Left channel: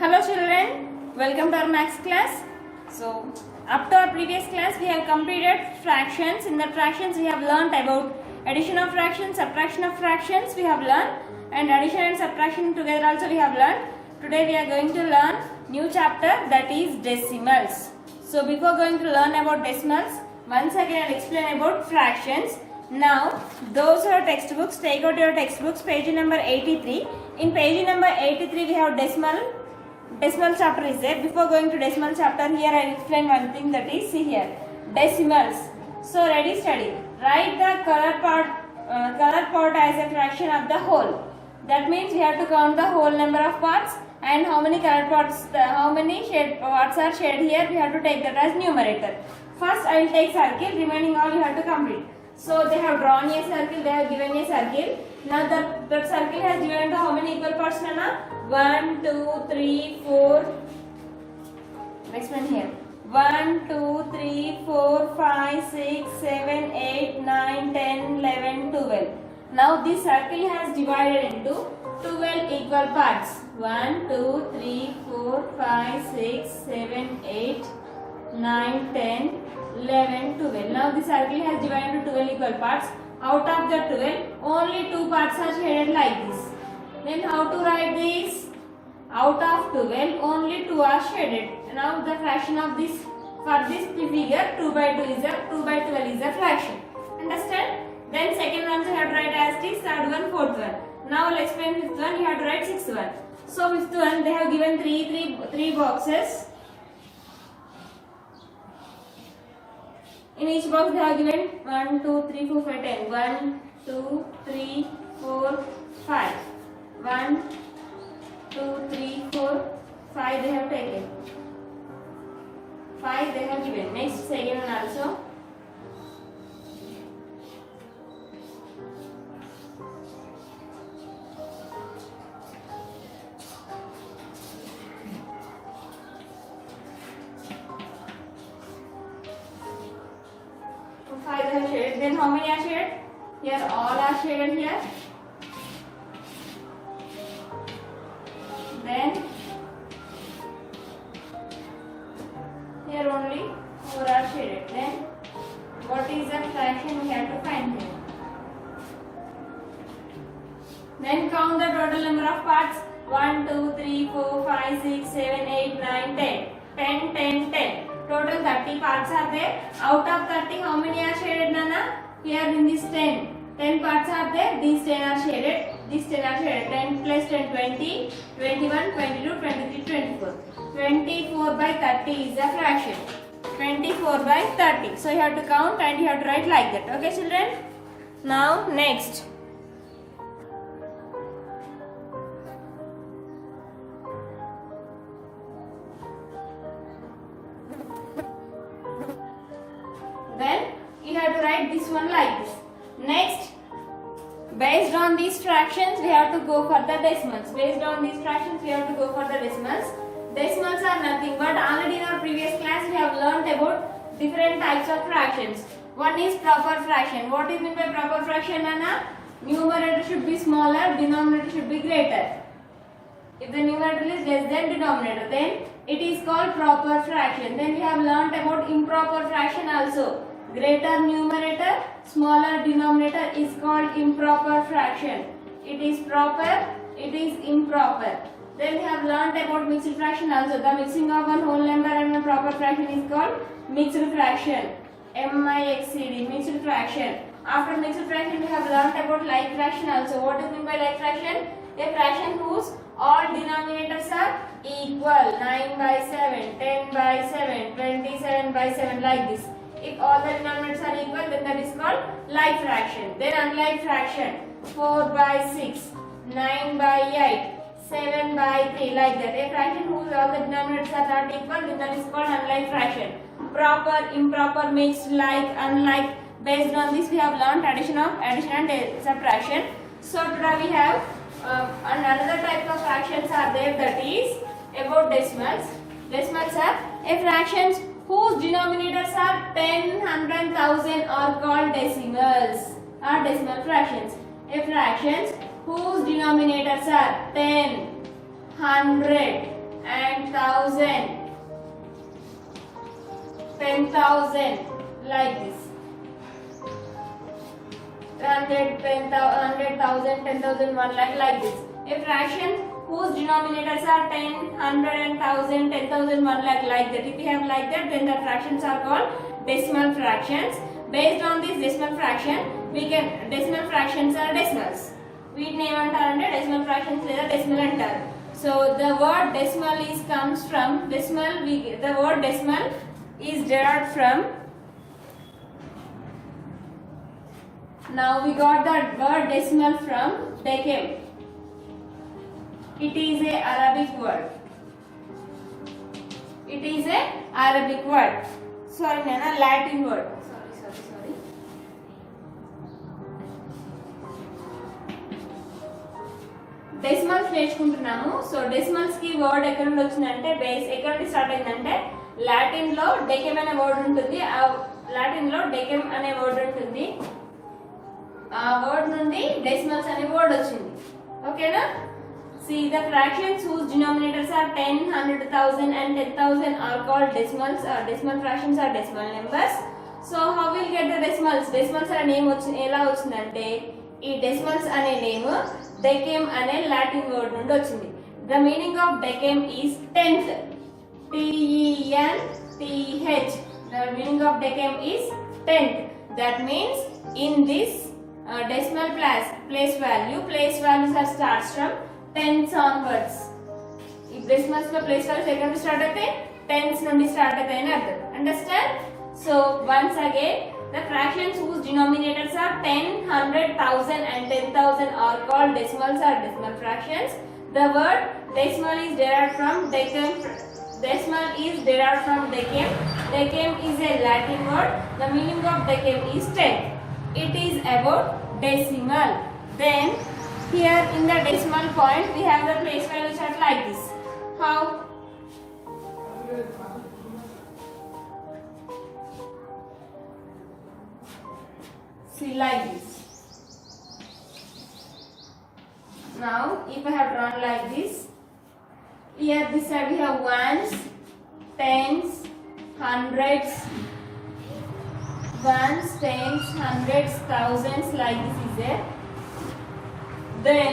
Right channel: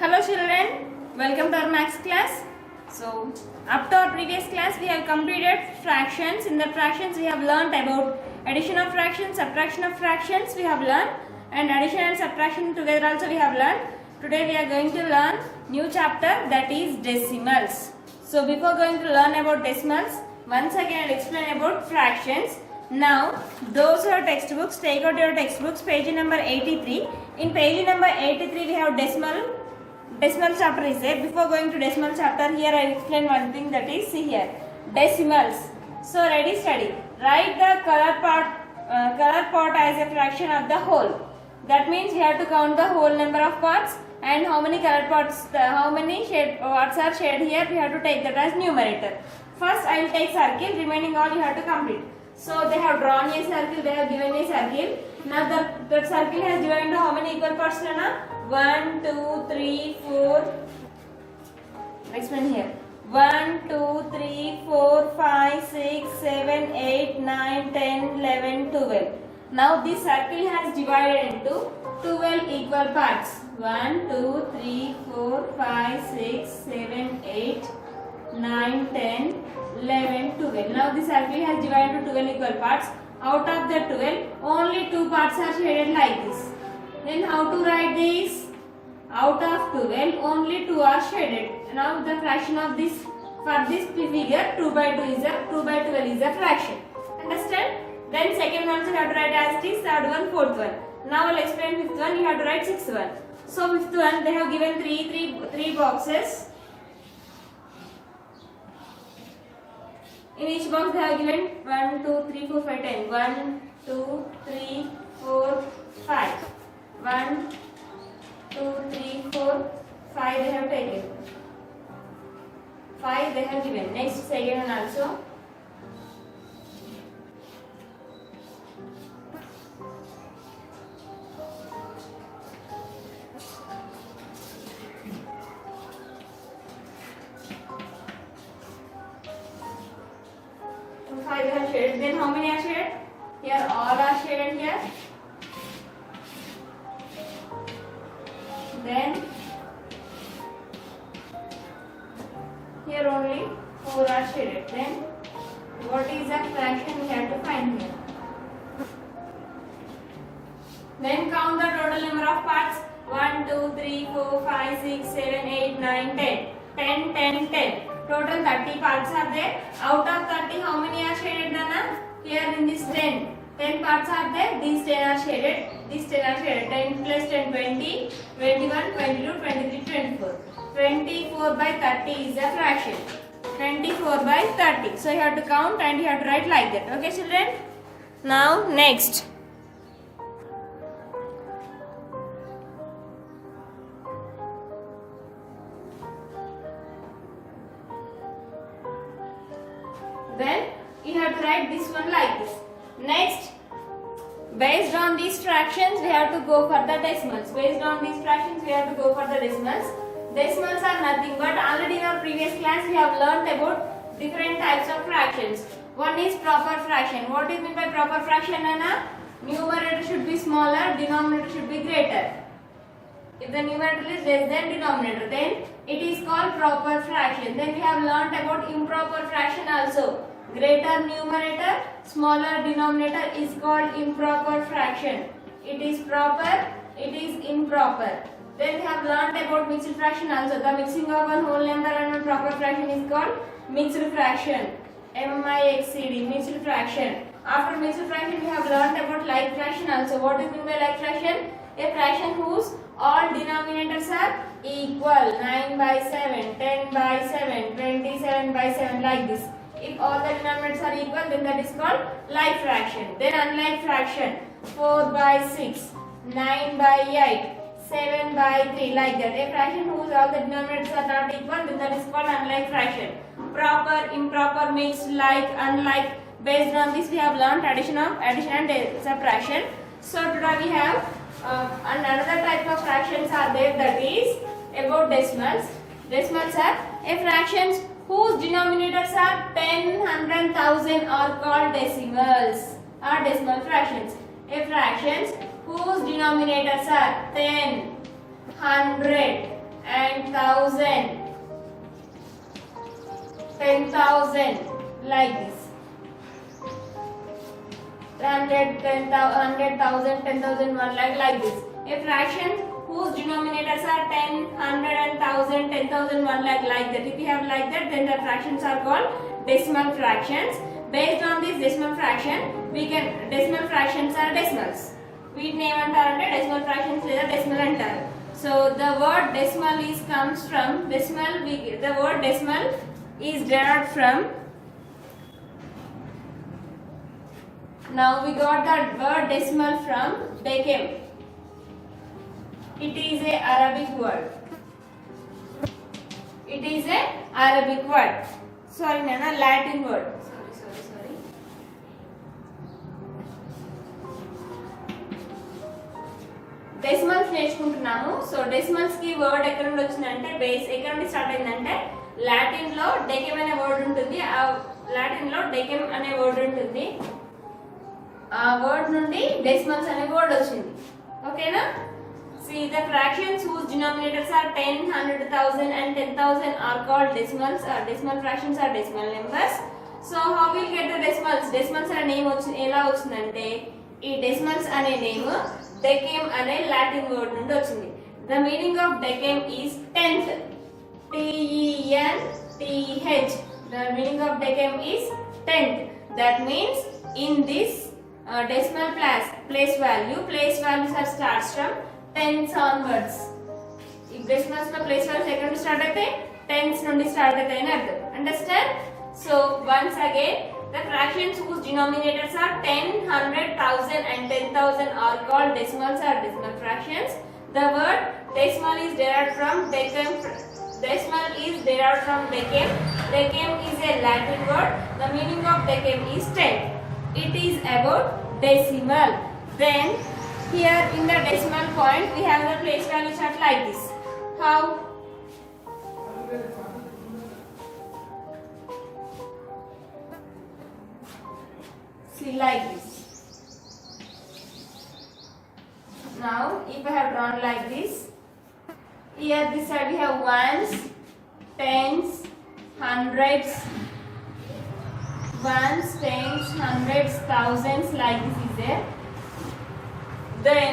Hello children, welcome to our maths class. So, up to our previous class we have completed fractions. In the fractions we have learnt about addition of fractions, subtraction of fractions we have learned, and addition and subtraction together also we have learned. Today we are going to learn new chapter, that is decimals. So before going to learn about decimals, once again I'll explain about fractions. Now those who are textbooks, take out your textbooks, page number 83. In page number 83 we have decimal chapter is there. Before going to decimal chapter, here I will explain one thing, that is, see here, decimals. So ready, study. Write the color part as a fraction of the whole. That means we have to count the whole number of parts and how many colored parts, how many parts are shared here. We have to take that as numerator. First I will take circle, remaining all you have to complete. So they have drawn a circle, they have given a circle. Now that circle has divided into how many equal parts, Nana? 1, 2, 3, 4. Next one here. 1, 2, 3, 4, 5, 6, 7, 8, 9, 10, 11, 12. Now this circle has divided into 12 equal parts. 1, 2, 3, 4, 5, 6, 7, 8, 9, 10, 11, 12. Now this circle has divided into 12 equal parts. Out of the 12, only 2 parts are shaded like this. Then how to write this? Out of 12, only 2 are shaded. Now the fraction of this, for this figure, 2 by 2 is a 2 by 12 is a fraction. Understand? Then second one you have to write as this, third one, fourth one. Now I will explain fifth one, you have to write sixth one. So fifth one, they have given three boxes. In each box they have given 1, 2, 3, 4, 5, 10. 1, 2, 3, 4, 5. 1, 2, 3, 4, 5 they have taken. 5 they have given. Next second one also. So 5 they have shaded. Then how many are shaded? Here all are shaded here. Then here only 4 are shaded. Then what is the fraction we have to find here? Then count the total number of parts. 1, 2, 3, 4, 5, 6, 7, 8, 9, 10. 10, 10, 10. Total 30 parts are there. Out of 30, how many are shaded, Nana? Here in this 10. 10 parts are there. These 10 are shaded. These 10 are shaded. 10 plus 10, 20, 21, 22, 23, 24. 24 by 30 is a fraction. 24 by 30. So you have to count and you have to write like that. Okay, children? Now, next. Then you have to write this one like this. Next, based on these fractions, we have to go for the decimals. Based on these fractions, we have to go for the decimals. Decimals are nothing but already in our previous class we have learnt about different types of fractions. One is proper fraction. What is meant by proper fraction, Anna? Numerator should be smaller, denominator should be greater. If the numerator is less than denominator, then it is called proper fraction. Then we have learnt about improper fraction also. Greater numerator, smaller denominator is called improper fraction. It is proper, it is improper. Then we have learnt about mixed fraction also. The mixing of one whole number and one proper fraction is called mixed fraction. M-I-X-E-D, mixed fraction. After mixed fraction, we have learnt about like fraction also. What is meant by like fraction? A fraction whose all denominators are equal. 9 by 7, 10 by 7, 27 by 7, like this. If all the denominators are equal, then that is called like fraction. Then unlike fraction, 4 by 6, 9 by 8, 7 by 3, like that. A fraction whose all the denominators are not equal, then that is called unlike fraction. Proper, improper, mixed, like, unlike. Based on this, we have learnt addition and subtraction. So today we have another type of fractions are there, that is about decimals. Decimals are a fractions whose denominators are 10, 100, 1000 are called decimals, are decimal fractions. A fractions whose denominators are 10, 100 10,000, 10,000, like this. 100, 10,000, 10,000, 1 lakh, like this. A fraction whose denominators are 10, 100 and 1000, 10,000, 1 lakh, like that. If you have like that, then the fractions are called decimal fractions. Based on this decimal fraction, decimal fractions are decimals. వీటిని ఏమంటారంటే decimal fractions లేదా decimal అంటారు. So the word decimal comes from decimal. The word decimal is derived from. Now we got the word decimal from decim. It is a Arabic word. It is a Arabic word. Sorry, Nana, Latin word. Sorry. Decimals నేర్చుకుంటున్నాము. So decimals కి word ఎక్కడ నుండి వచ్చిందంటే base ఎక్కడ నుండి start అయిందంటే Latin లో డెకెమ్ అనే వర్డ్ ఉంటుంది. ఆ లాటిన్ లో డెకెమ్ అనే వర్డ్ ఉంటుంది. ఆ వర్డ్ నుండి డెసిమల్స్ అనే వర్డ్ వచ్చింది. ఓకేనా? See, the fractions whose denominators are 10, 100, 1000 and 10,000 are called decimals. Decimal fractions are decimal numbers. So how we'll get the decimals? Decimals అనే నేమ్ ఎలా వచ్చిందంటే ఈ డెసిమల్స్ అనే నేమ్ డెకెమ్ అనే లాటిన్ వర్డ్ నుండి వచ్చింది. The meaning of decem is tenth. T-E-N-T-H. The meaning of decem is tenth. That means in this decimal place values are starts from tens onwards. ఈ decimals లో place values ఎక్కడ నుండి start అయితే tense నుండి start అవుతాయి అని అర్థం. Understand? So once again the fractions whose denominators are 10, 100, 1000 and 10,000 are called decimals or decimal fractions. The word decimal is derived from decem. Decem is a Latin word. The meaning of decem is 10. It is about decimal. Then here in the decimal point we have the place values are like this. How? See, like this. Now if I have drawn like this, here this side we have ones, tens, hundreds, ones, tens, hundreds, thousands, like this is there. Then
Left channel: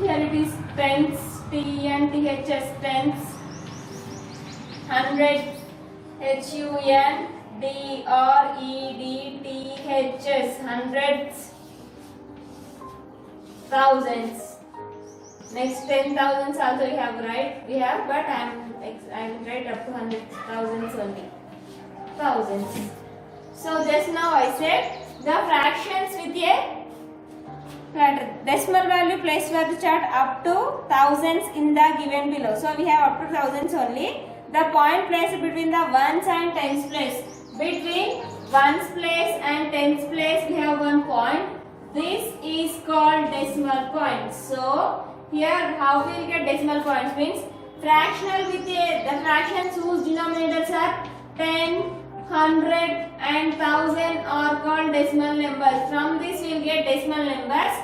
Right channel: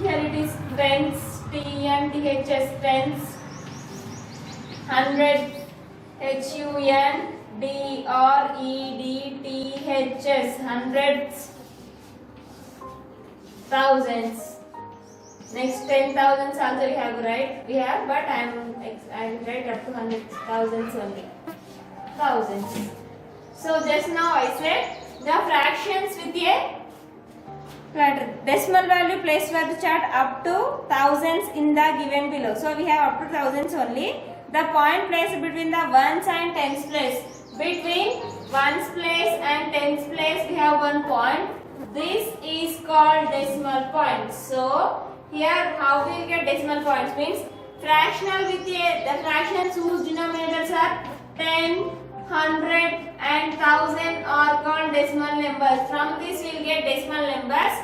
here it is tens, T-E-N-T-H-S, tens, hundred, H-U-N-D-R-E-D-T-H-S, hundreds, thousands. Next 10,000s also we have, but I will write up to 100,000s only. Thousands. So just now I said the fractions with a decimal value place value chart up to thousands in the given below. So we have up to thousands only. The point placed between the ones and tens place. Between ones place and tens place we have one point. This is called decimal point. So here how we will get decimal points means fractional with the fractions whose denominators are 10, 100 and 1000 are called decimal numbers. From this we will get decimal numbers.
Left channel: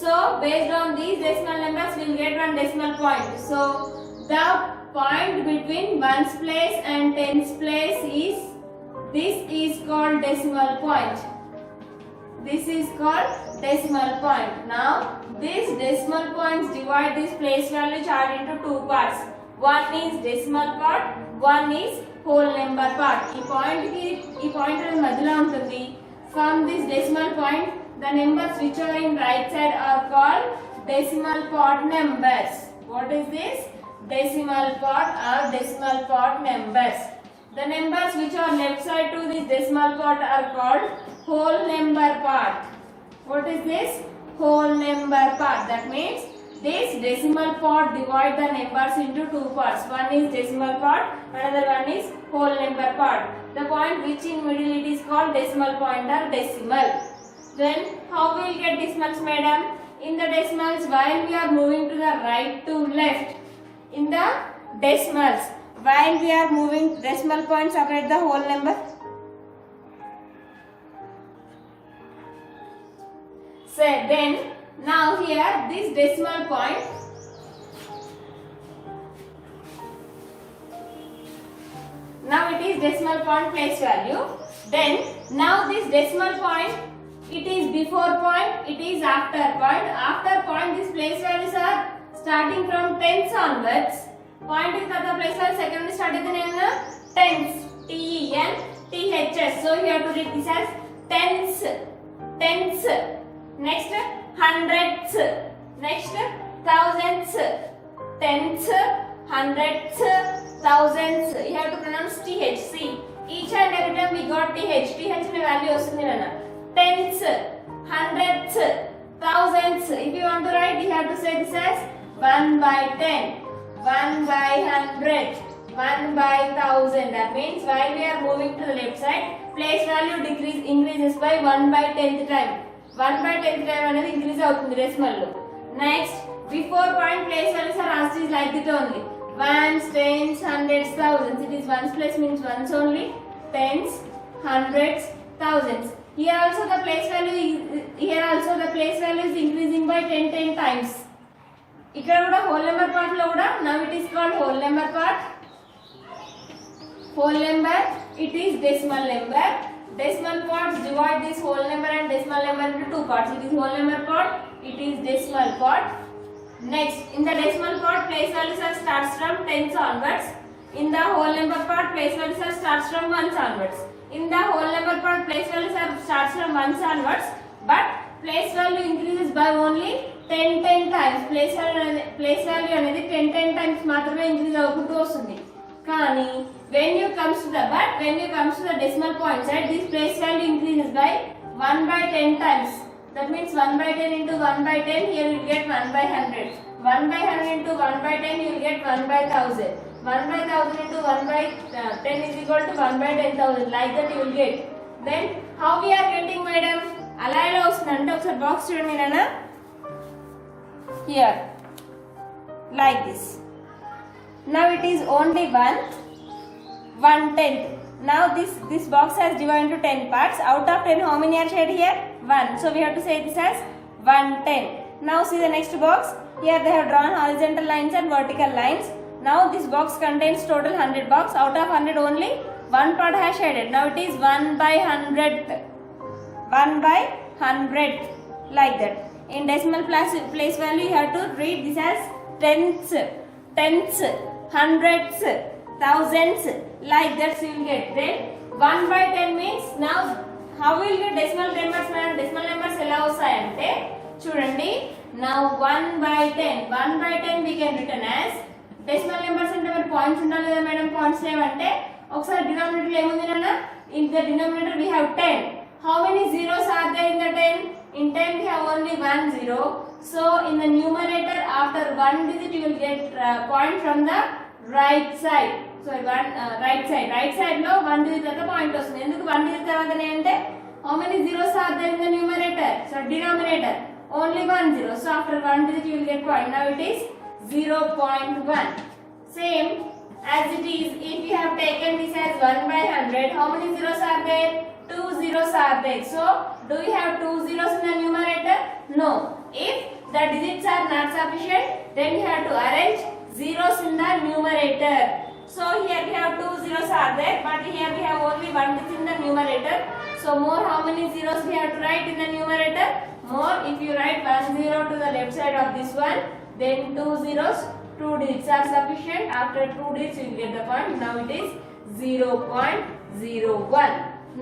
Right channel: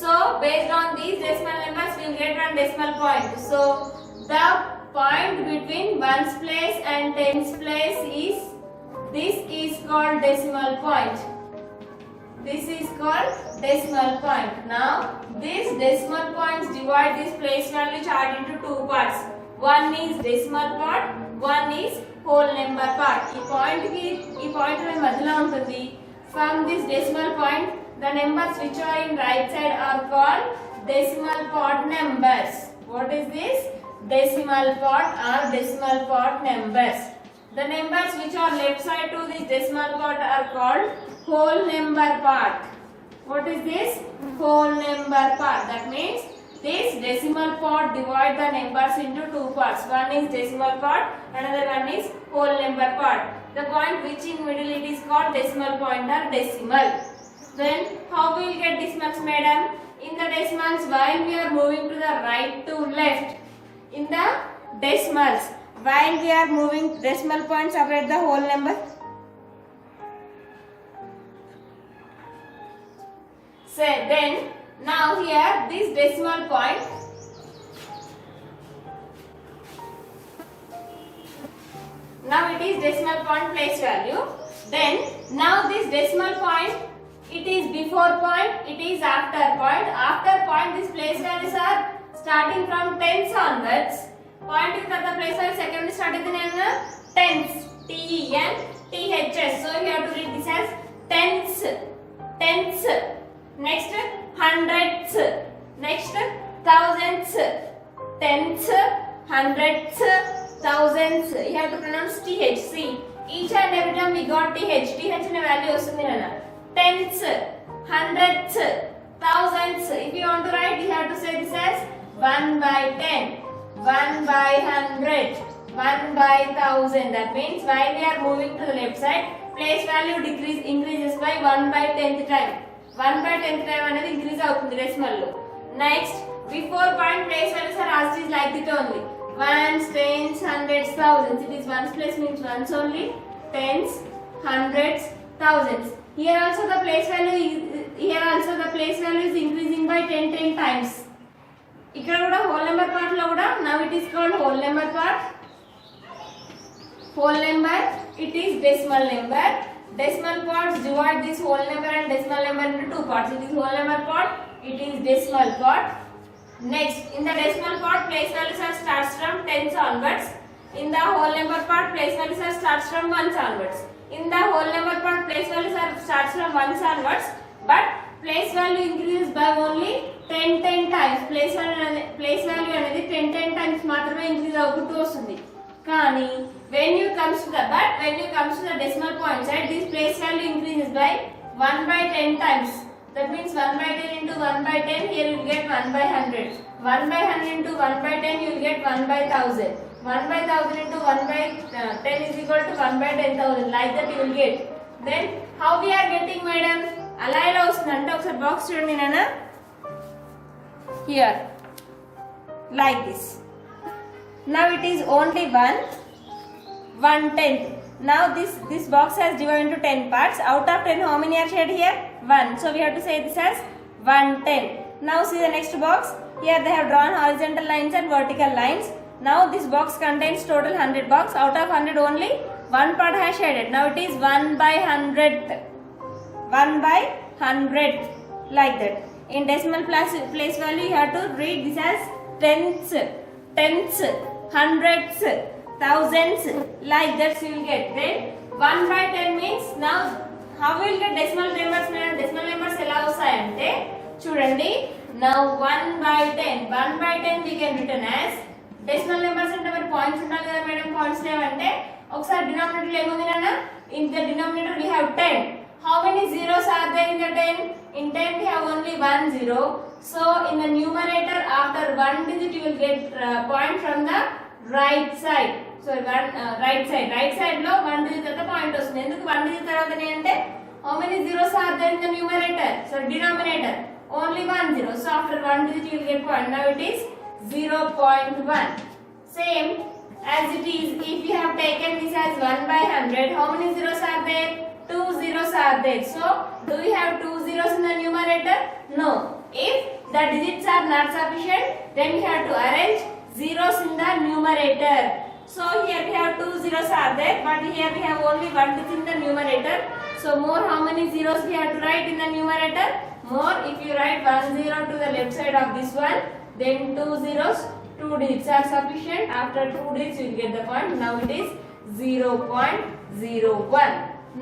So based on these decimal numbers we will get one decimal point. So the point between ones place and tens place is called decimal point. This is called decimal point. Now these decimal points divide this place value chart into two parts. One is decimal part, one is whole number part. ఈ point మధ్యలో ఉంటుంది. From this decimal point the numbers which are in right side are called decimal part numbers. What is this? Decimal part or decimal part numbers. The numbers which are left side to this decimal part are called whole number part. What is this? Whole number part. That means this decimal part divide the numbers into two parts. One is decimal part, another one is whole number part. The point which in middle it is called decimal point or decimal. Then how we will get decimals, madam? In the decimals, while we are moving to the right to left, in the decimals, while we are moving decimal points separate the whole number. So then now here this decimal point it is decimal point place value. Then now this decimal point, it is before point, it is after point. After point, these place values are starting from tens onwards. Point is the place value, second is started in tens. T-E-N-T-H-S. So you have to read this as tens. Tens. Next hundreds. Next thousands. Tens, hundreds, thousands. You have to pronounce TH. See, each and every time we got TH. TH in a value vastundi nana. Tens, hundreds, thousands. If you want to write, you have to say this as 1 by 10, 1 by 100, 1 by 1000. That means while we are moving to the left side, place value increases by 1 by 10th time. 1 by 10th time another increase avutundi decimal lo. Next, before point place values are asked is like it only. Ones, tens, hundreds, thousands. It is ones place means ones only. Tens, hundreds, thousands. Here also the place value is increasing by 10 times. ఇక్కడ కూడా whole number part లో కూడా now it is called whole number part. Whole number, it is decimal number. Decimal parts divide this whole number and decimal number into two parts. It is whole number part, it is decimal part. Next, in the decimal part, place values are starts from tens onwards. In the whole number part, place values are starts from ones onwards. In the whole number part, place values are starts from ones onwards, but place value increases by only 10 times. Place value అనేది 10 times మాత్రమే increase అవుతూ వస్తుంది. కానీ when you comes to the decimal point side, this place value increases by 1 by 10 times. That means 1 by 10 into 1 by 10, here you will get 1 by 100. 1 by 100 into 1 by 10, you will get 1 by 1000. 1 by 1000 into 1 by 10 is equal to 1 by 10,000. Like that you will get. Then how we are getting, madam? అలా ఎలా వస్తుంది అంటే ఒకసారి box చూడండి నాన్న. Here, like this. Now it is only 1/10. Now this box has divided into 10 parts. Out of 10, how many are shared here? 1. So we have to say this as 1/10. Now see the next box. Here they have drawn horizontal lines and vertical lines. Now this box contains total 100 box. Out of 100, only one part has shaded. Now it is 1 by 100th. 1 by 100th, like that. In decimal place value, you have to read this as tenths, hundreds, thousands, like that you will get. Then 1 by 10 means, now how will get decimal numbers? Decimal numbers ఎలా వస్తాయంటే చూడండి. Now 1 by 10 we can written as decimal numbers అంటే మరి points ఉండాలి కదా madam. Points లేవంటే ఒకసారి denominator ఏముంది నాన్న? In the denominator we have 10. How many zeros are there in the 10? In 10 we have only 1 0. So in the numerator, after one digit you will get point from the right side. So right side లో 1 digit తర్వాత point వస్తుంది. ఎందుకు 1 digit తర్వాతనే అంటే how many zeros are there in the numerator? So denominator only 1 0. So after 1 digit you will get point. Now it is 0.1. Same as it is if we have taken this as 1 by 100. How many zeros are there? 2 zeros are there. So do we have 2 zeros in the numerator? No. If the digits are not sufficient, then we have to arrange zeros in the numerator. So here we have 2 zeros are there, but here we have only 1 digit in the numerator. So more, how many zeros we have to write in the numerator? More. If you write 1 0 to the left side of this one, then 2 zeros, 2 digits are sufficient. After 2 digits you will get the point. Now it is 0.01.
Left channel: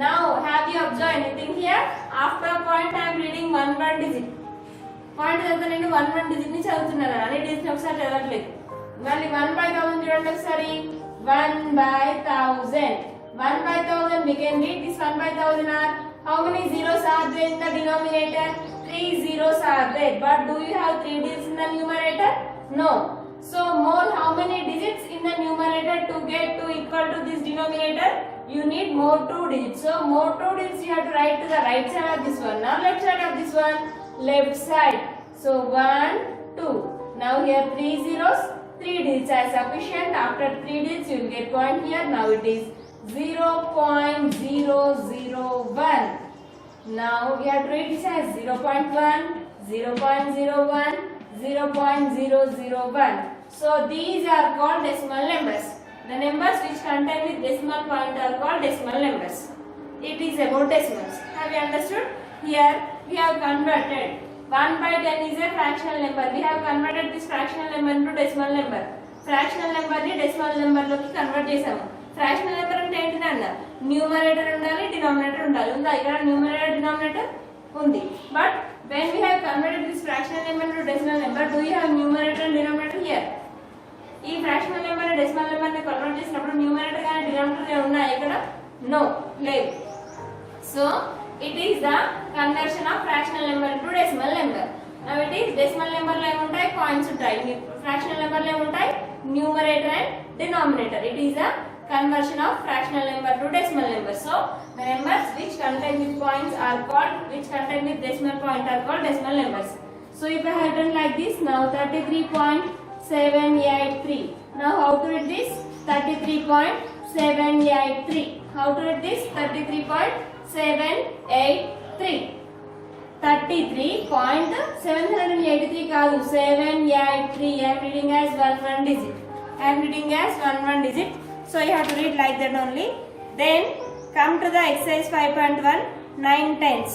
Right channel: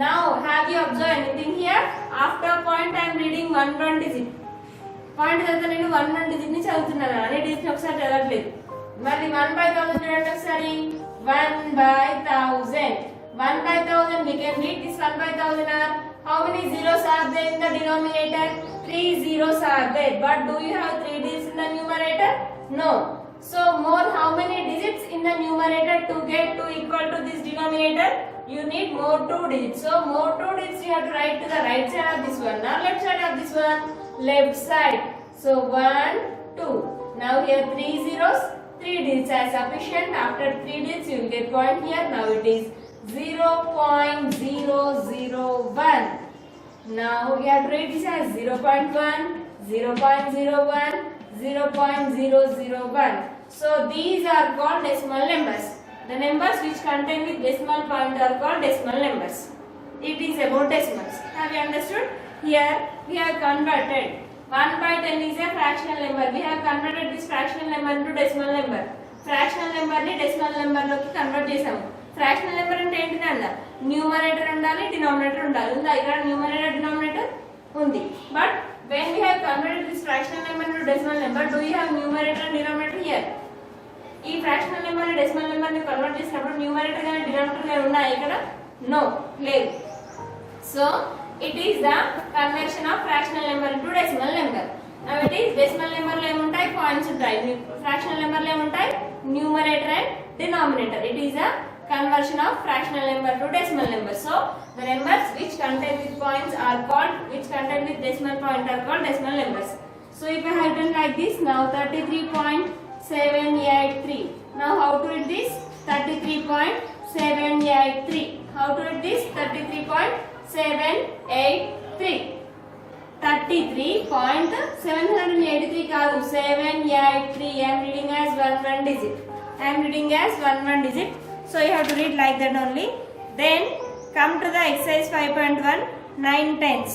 Now have you observed anything here? After point I am reading 1 digit. Point తర్వాత నేను 1 digit ని చదువుతున్నాను. అనే digit ని ఒకసారి చదవట్లేదు. మళ్ళీ 1 by 1000 చూడండి ఒకసారి. 1 by 1000. 1 by 1000 we can read this 1 by 1000 are how many zeros are there in the denominator? 3 zeros are there. But do you have 3 digits in the numerator? No. So more, how many digits in the numerator to get to equal to this denominator? You need more 2 digits. So more 2 digits you have to write to the right side of this one. Now left side of this one, left side. So 1 2. Now here 3 zeros, 3 digits are sufficient. After 3 digits you will get point here. Now it is 0.001. Now you have to write this as 0.1, 0.01, 0.001. So these are called decimal numbers. The numbers which contain with decimal point are called decimal numbers. It is about decimals. Have you understood? Here we have converted 1 by 10 is a fractional number. We have converted this fractional number into decimal number. Fractional number ni decimal number లోకి convert చేసాము. Fractional number అంటే ఏంటి నాన్న? Numerator ఉండాలి, denominator ఉండాలి. ఉందా ఇక్కడ numerator denominator ఉంది. But when we have converted this fractional number into decimal number, do you have numerator and denominator here? ఈ ఫ్రాక్షనల్ నెంబర్ ని డెసిమల్ నెంబర్ ని కన్వర్ట్ చేసినప్పుడు న్యూమరేటర్ గాని డినామినేటర్ గాని ఉన్నాయా ఇక్కడ? నో, లేదు. So it is the conversion of fractional number into decimal number. Now it is decimal number లో ఏముంటాయి? పాయింట్స్ ఉంటాయి. ఫ్రాక్షనల్ నెంబర్ లో ఏముంటాయి? Numerator and denominator. It is a conversion of fractional number to decimal number. So the numbers which contain with points are called, which contain with decimal point are called decimal numbers. So if I have done like this, now 33.783. Now how to read this? 33.783. How to read this? 33.783. 33.783 కాదు, 783. I am reading as one digit. I am reading as one digit. So you have to read like that only. Then come to the exercise 5.1, 9 tenths.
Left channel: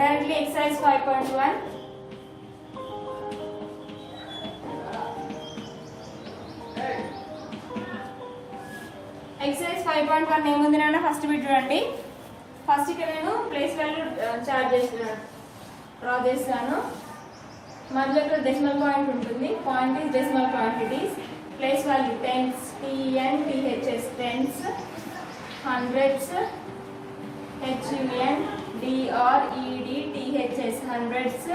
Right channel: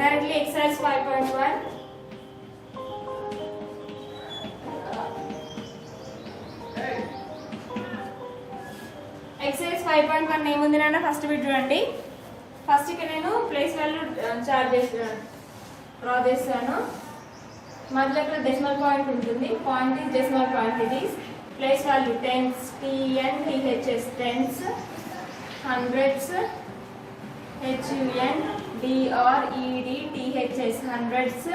Directly exercise 5.1. Exercise 5.1 ఏముంది నాన్న? First bit చూడండి. First ఇక్కడ నేను place value chart చేస్తున్నాను, draw చేస్తాను. మధ్యలో ఇక్కడ decimal point ఉంటుంది. Point is decimal point. It is place value tens, TN THS tens, hundreds HUN DRED THS hundreds.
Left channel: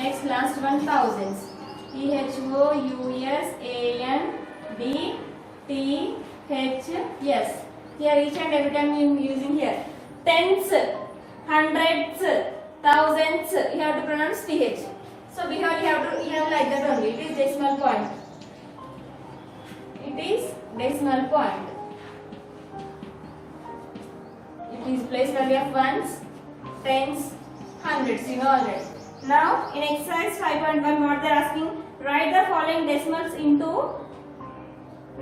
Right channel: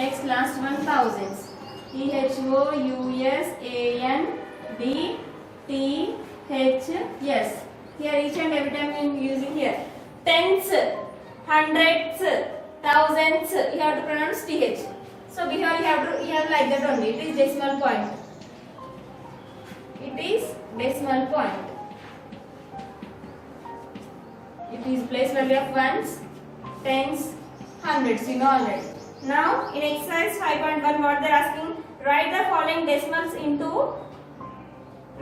Next last one thousands, THOUS ANDTHS. Here each and every time we are using here tens, hundreds, thousands. You have to pronounce TH. So here you have like that only. It is decimal point. It is decimal point. It is place value of ones, tens, hundreds. You know already. Now in exercise 5.1, what they are asking? Write the following decimals into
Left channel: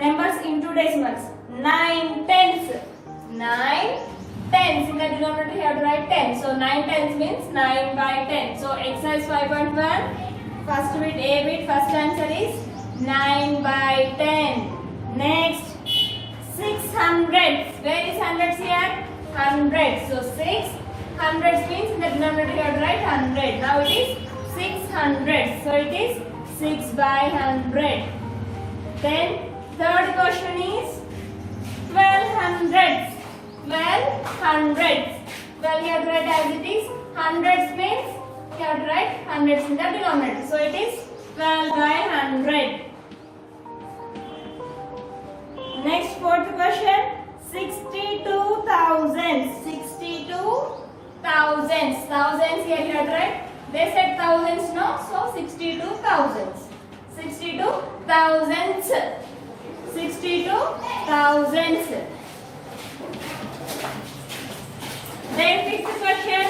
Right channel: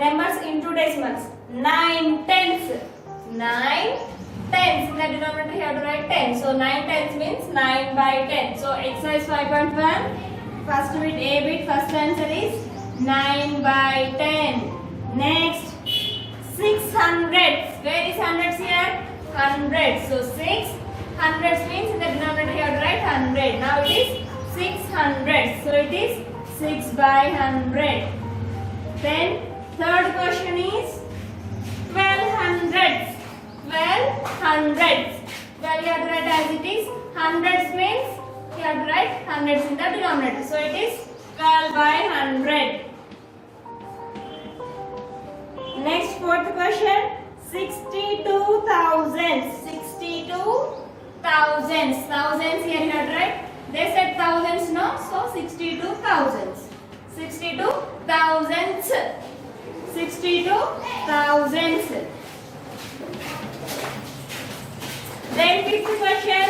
numbers into decimals. 9 tenths. 9 tenths. In the denominator you have to write 10. So 9 tenths means 9 by 10. So exercise 5.1, first bit A bit, first answer is 9 by 10. Next 600s. Where is hundreds here? Hundreds. So 6 hundreds means in the denominator you have to write 100. Now it is 600. So it is 6 by 100. Then third question is 12 hundreds. 12 hundreds. Well, you have to write as it is. Hundreds means you have to write hundreds in the denominator. So it is 12 by 100. Next fourth question, 62,000. 62,000. Thousands here you have to write. They said thousands, no? So 62,000. 62,000. 62,000. Then fifth question,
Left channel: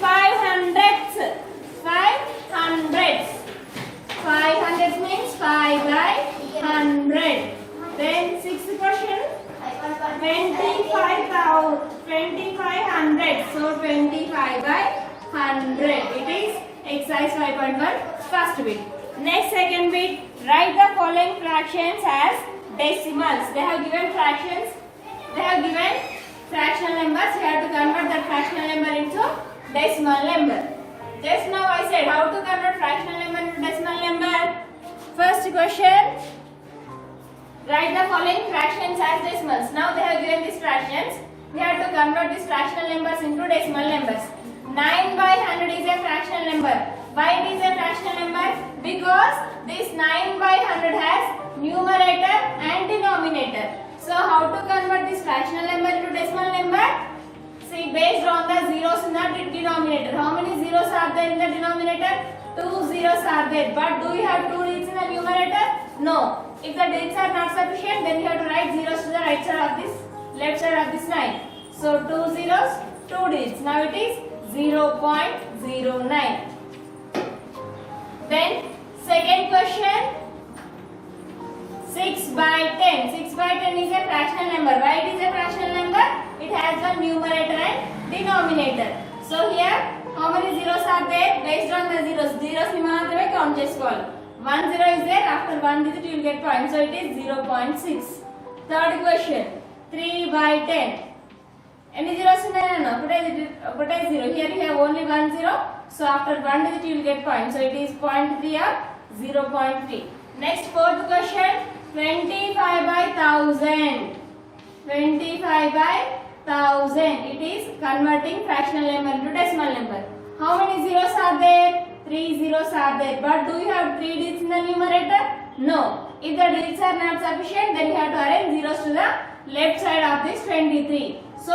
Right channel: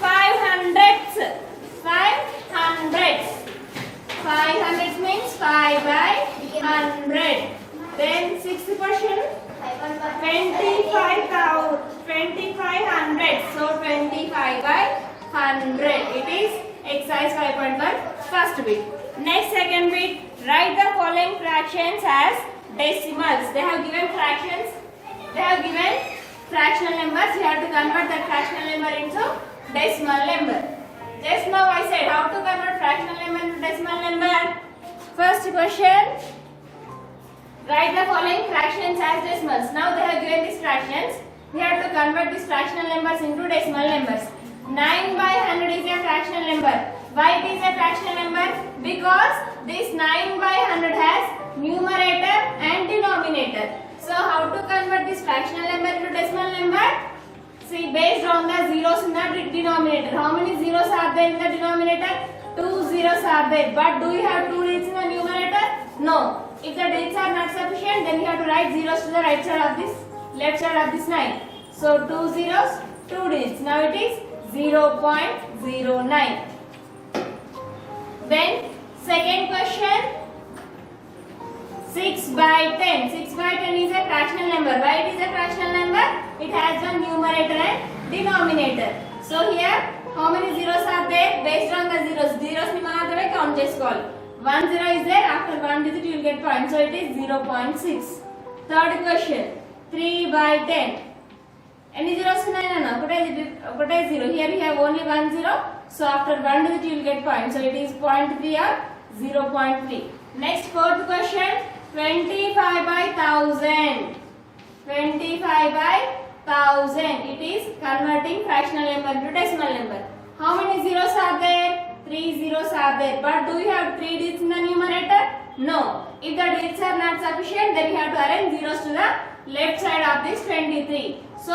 500s. 500s. 500 means 5 by 100. Then sixth question, 2500. So 25 by 100. It is exercise 5.1 first bit. Next second bit, write the following fractions as decimals. They have given fractions. They have given fractional numbers. You have to convert that fractional number into decimal number. Just now I said how to convert fractional number into decimal number. First question, write the following fractions as decimals. Now they have given these fractions. We have to convert these fractional numbers into decimal numbers. 9 by 100 is a fractional number. Why it is a fractional number? Because this 9 by 100 has numerator and denominator. So how to convert this fractional number into decimal number? See, based on the zeros in the denominator. How many zeros are there in the denominator? 2 zeros are there. But do you have 2 digits in the numerator? No. If the digits are not sufficient, then you have to write zeros to the right side of this, left side of this line. So 2 zeros, 2 digits. Now it is 0.09. Then second question, 6 by 10. 6 by 10 is a fractional number. Why it is a fractional number? It has one numerator and denominator. So here how many zeros are there? Based on the zeros. Zeros ni maatrame count chesukovali. 1 zero is there. After 1 digit you will get point. So it is 0.6. Third question, 3 by 10. Any zeros unnayana? Okate zero. Here we have only 1 zero. So after 1 digit you will get point. So it is 0.3 or 0.3. Next fourth question, 25 by 1000. 25 by 1000. It is converting fractional number into decimal number. How many zeros are there? 3 zeros are there. But do you have 3 digits in the numerator? No. If the digits are not sufficient, then you have to arrange zeros to the left side of this 23. So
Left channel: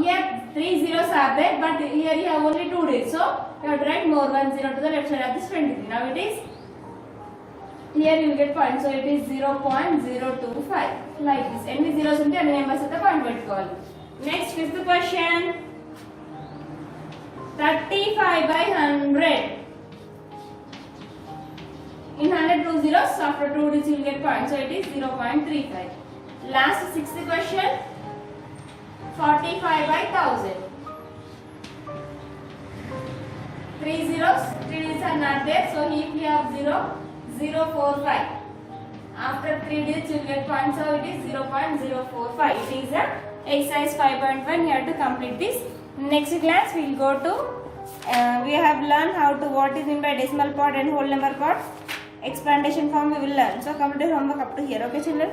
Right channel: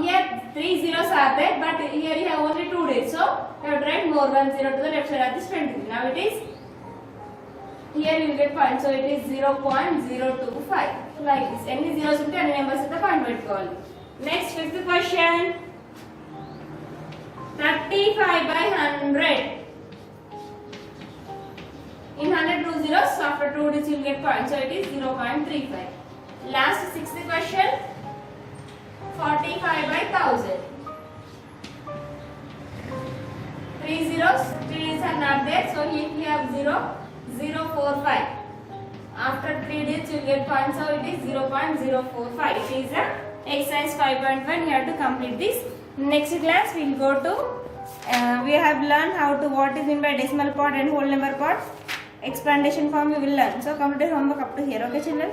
here 3 zeros are there, but here you have only 2 digits. So you have to write more 1 zero to the left side of this 23. Now it is, here you will get point. So it is 0.025. Like this. Any zeros unte any numbers at the point pettukovali. Next fifth question, 35 by 100. In 100 2 zeros, so after 2 digits you will get point. So it is 0.35. Last sixth question, 45 by 1000. 3 zeros, 3 digits are not there. So here we have 0.045. After 3 digits you will get point. So it is 0.045. It is a exercise 5.1. You have to complete this. Next class we will go to we have learned how to what is meant by decimal part and whole number part. Explanation form we will learn. So complete homework up to here. Okay children.